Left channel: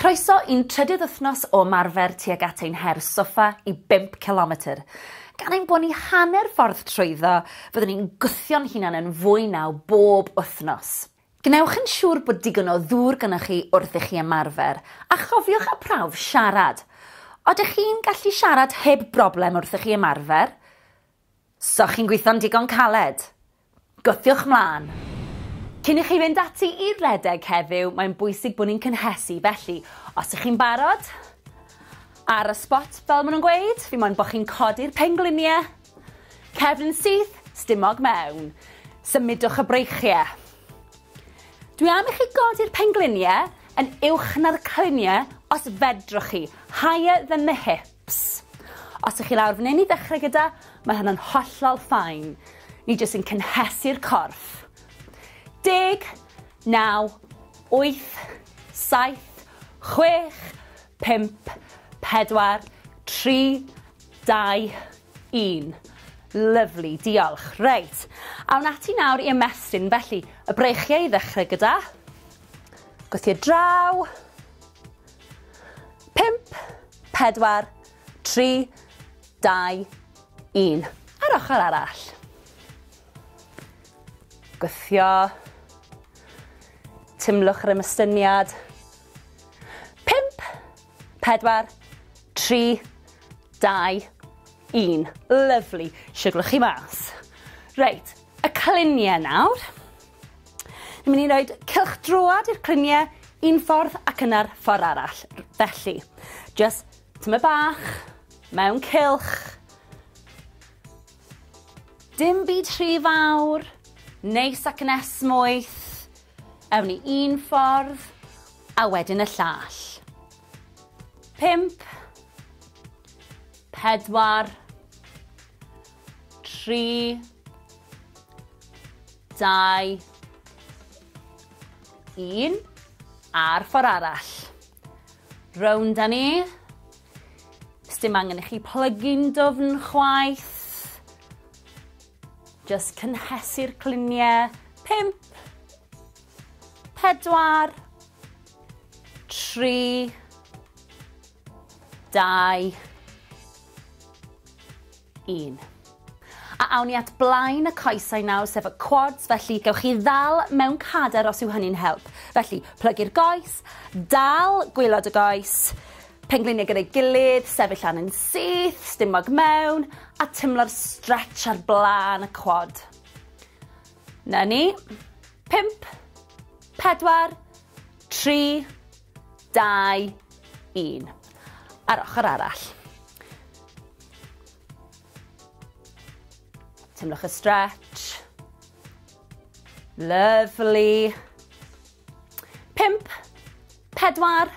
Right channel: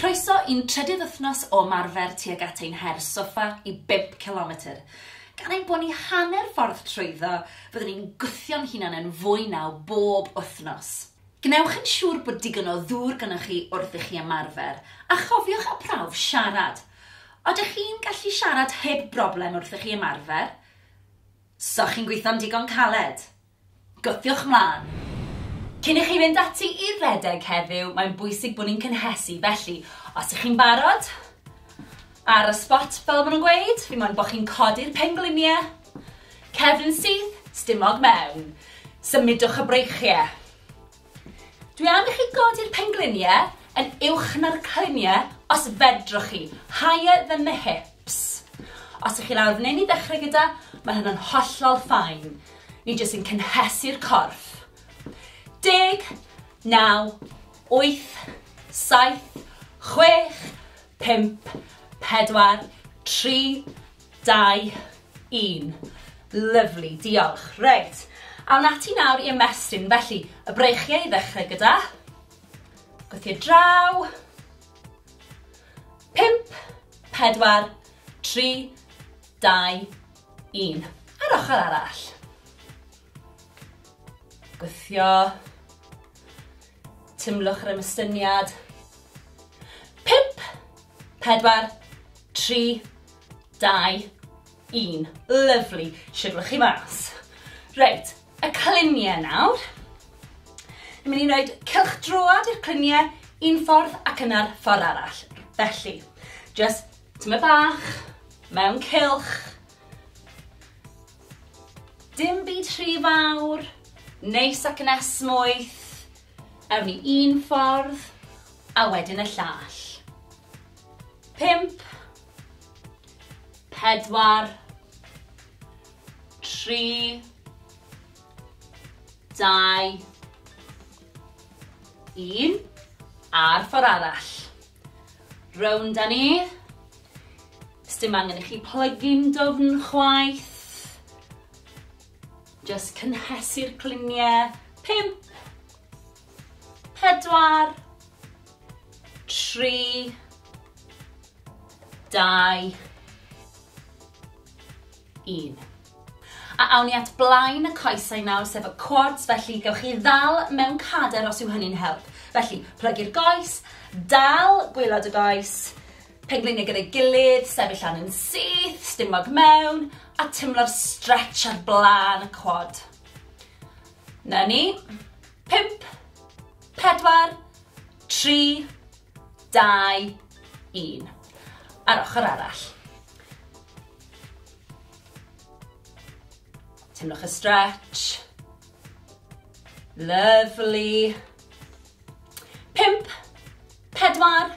Croeso i'n trydydd wythnos o marfer tuag at ein her soffa I 5 km. Gan ein bod ni hanner ffordd trwyddo, fyddwn ni'n gwthio'n hunan yn fwy naw bob wythnos. Gnewch yn siŵr bod digon o ddŵr gynnwch chi wrth I chi ymarfer, a chofiwch a prawf siarad. Odych chi'n gallu siarad heb broblem wrth I chi ymarfer? So chi'n gweithio'n digon caled? Gwthiwch mlaen. Cyn I chi fynd ati I redeg heddiw, mae'n bwysig bod ni'n cynhesu, felly os ych chi'n barod, ar y spot fel maen nhw'n gweud, fi moyn bod chi'n codi'r pengliniau, cefn syth, stumog mewn, symudwch y breichiau. Dwi am I chi godi'r pengliniau yn uwch na'r cliniau os fedrwch chi, higher than the hips. Os ych chi lawr fan hyn I ddechrau gyda, mae hynny'n hollol ffain. Ni jyst yn cynhesu'r corff. 10, 9, 8, 7, 6, 5, 4, 3, 2, 1. Lyfli, diolch. Reit. Awn ati nawr I ymestyn, felly y breichiau I ddechrau gyda. Gwthio draw. 5, 4, 3, 2, 1. Ar ochr arall. Gwthio. Tymlwch yr ymystyniad. 5, 4, 3, 2, 1. Lyfli. Siglwch chi mas. Reit, y cliniau nawr. Ni'n mynd I roed cylchdroad i'r cliniau un ffordd ac yna'r ffordd arall. Felly, just tyma bach, mewn cylch. Dim byd rhy fawr, neis ac yn esmwyth. Ewn ni un ffordd, a wedyn y llall. 5, 4, 3, 2, 1, a'r ffordd arall. Rownd â ni. Sdim angen I chi plygu'n dofn chwaith. Just cynhesu'r cliniau. 5, 4, 3, 2, 1. A awn ni at blaen y coesau nawr, sef y quads, felly gewch chi ddal mewn cader os yw hynny'n help. Felly, plygu'r goes, dal gwylod y goes, pengliniau gyda'i gilydd, sefyll lan yn syth, stumog mewn, a tymlo'r stretch ar blaen y quad. Na ni. 5, 4, 3, 2, 1. Ar ochr arall. Tymlwch y stretch. Lovely. 5, 4,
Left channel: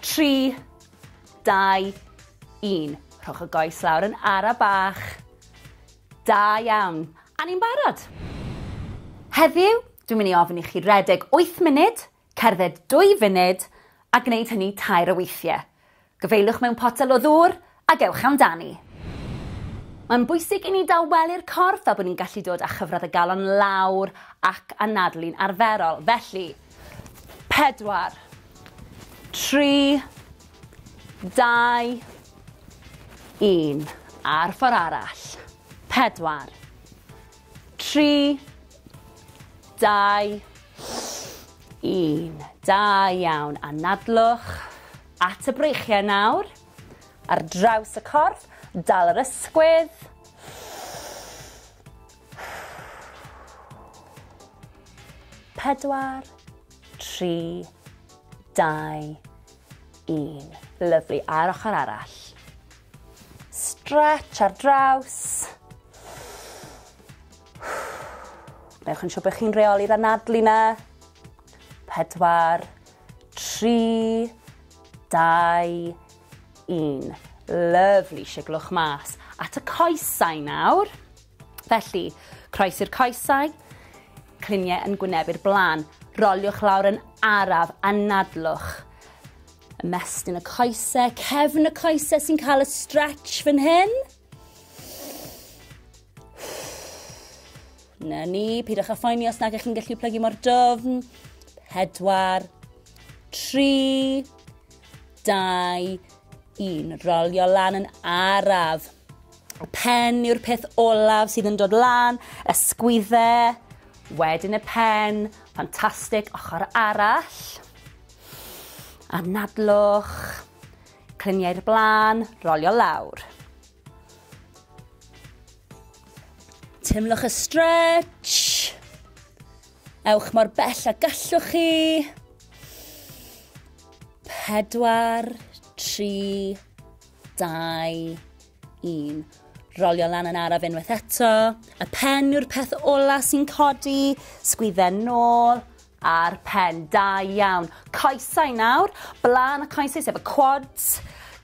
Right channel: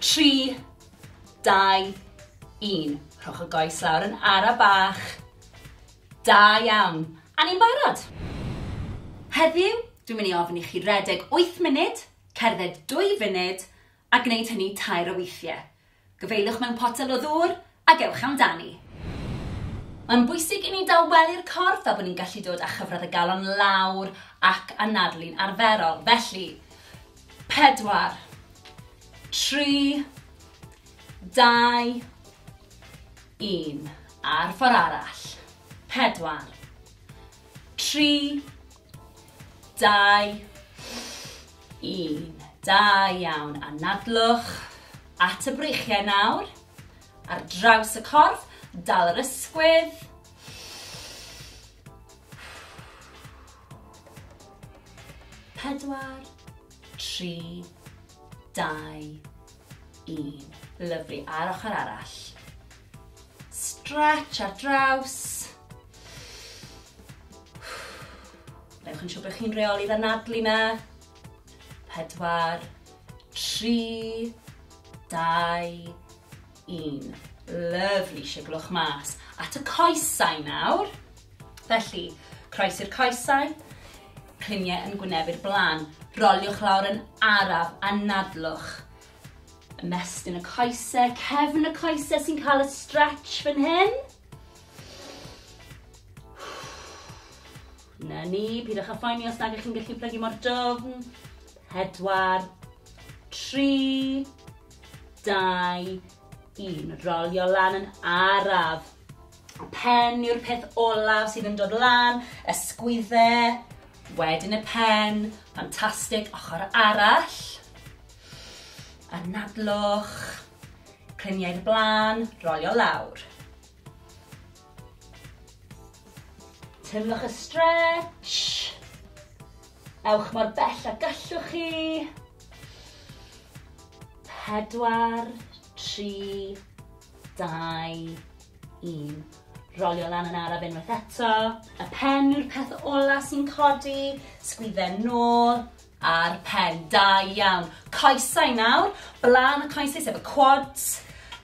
3, 2, 1. Rhowch y goes lawr yn ara bach. Da iawn. A ni'n barod. Heddiw, dwi'n mynd I ofyn I chi redeg 8 munud, cerdded 2 funud, a gwneud hynny 2 o weithiau. Gyfeilwch mewn potel o ddŵr, a gewch amdani. Mae'n bwysig I ni daweli'r corff fel bod ni'n gallu dod â chyfradd y galon lawr ac anadlu'n arferol. Felly, 4, 3, 2, 1. A'r ffordd arall. 4, 3, 2, 1. Da iawn. Anadlwch at y breichiau nawr. Ar draws y corff. Dal yr ysgwydd. 4, 3, 2, 1. Lyfli. A'r ochr arall. Stretch ar draws. Newch yn siŵr bod chi'n reoli'r anadlu na. 4, 3, 2, 1. Lyfli, siglwch mas. At y coesau nawr. Felly, croes i'r coesau. Cliniau yn gwynebu'r blaen. Roliwch lawr yn araf, anadlwch. Ymestyn y coesau, cefn y coesau sy'n cael y stretch fan hyn. Na ni, pidwch â phoeni os nag ych chi'n gallu plygu mor dofn. 4, 3, 2, 1. Rolio lan yn araf. Y pen yw'r peth olaf sydd yn dod lan, ysgwyddau, wedyn y pen, ffantastig, ochr arall. Anadlwch, cliniau'r blaen, rolio lawr. Timlwch y stretch. Ewch mor bell a gallwch chi. 4, 3, 2, 1. Rolio lan yn araf unwaith eto. Y pen yw'r peth ola sy'n codi. Sgwyddau nôl a'r pen. Da iawn. Coesau nawr. Blaen y coesau sef y quads.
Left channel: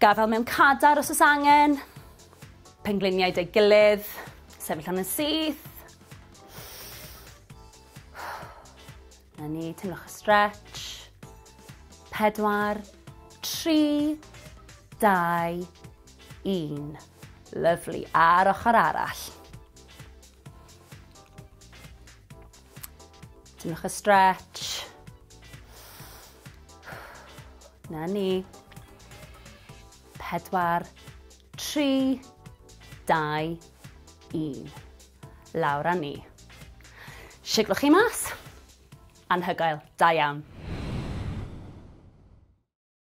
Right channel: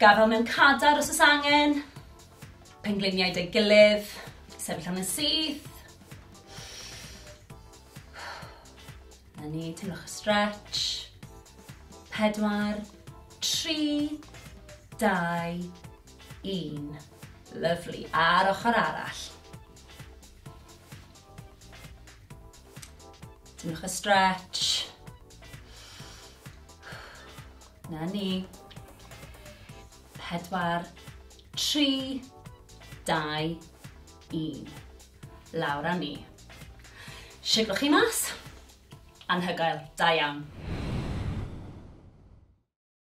Gafel mewn cadar os oes angen. Pengliniau dy gilydd. Sefyll yn y syth. Na ni, timlwch y stretch. 4, 3, 2, 1. Lyfli. Ar ochr arall. Timlwch y stretch. Na ni. 4, 3, 2, 1. Lawr â ni. Siglwch chi mas. Anhygoel. Da iawn.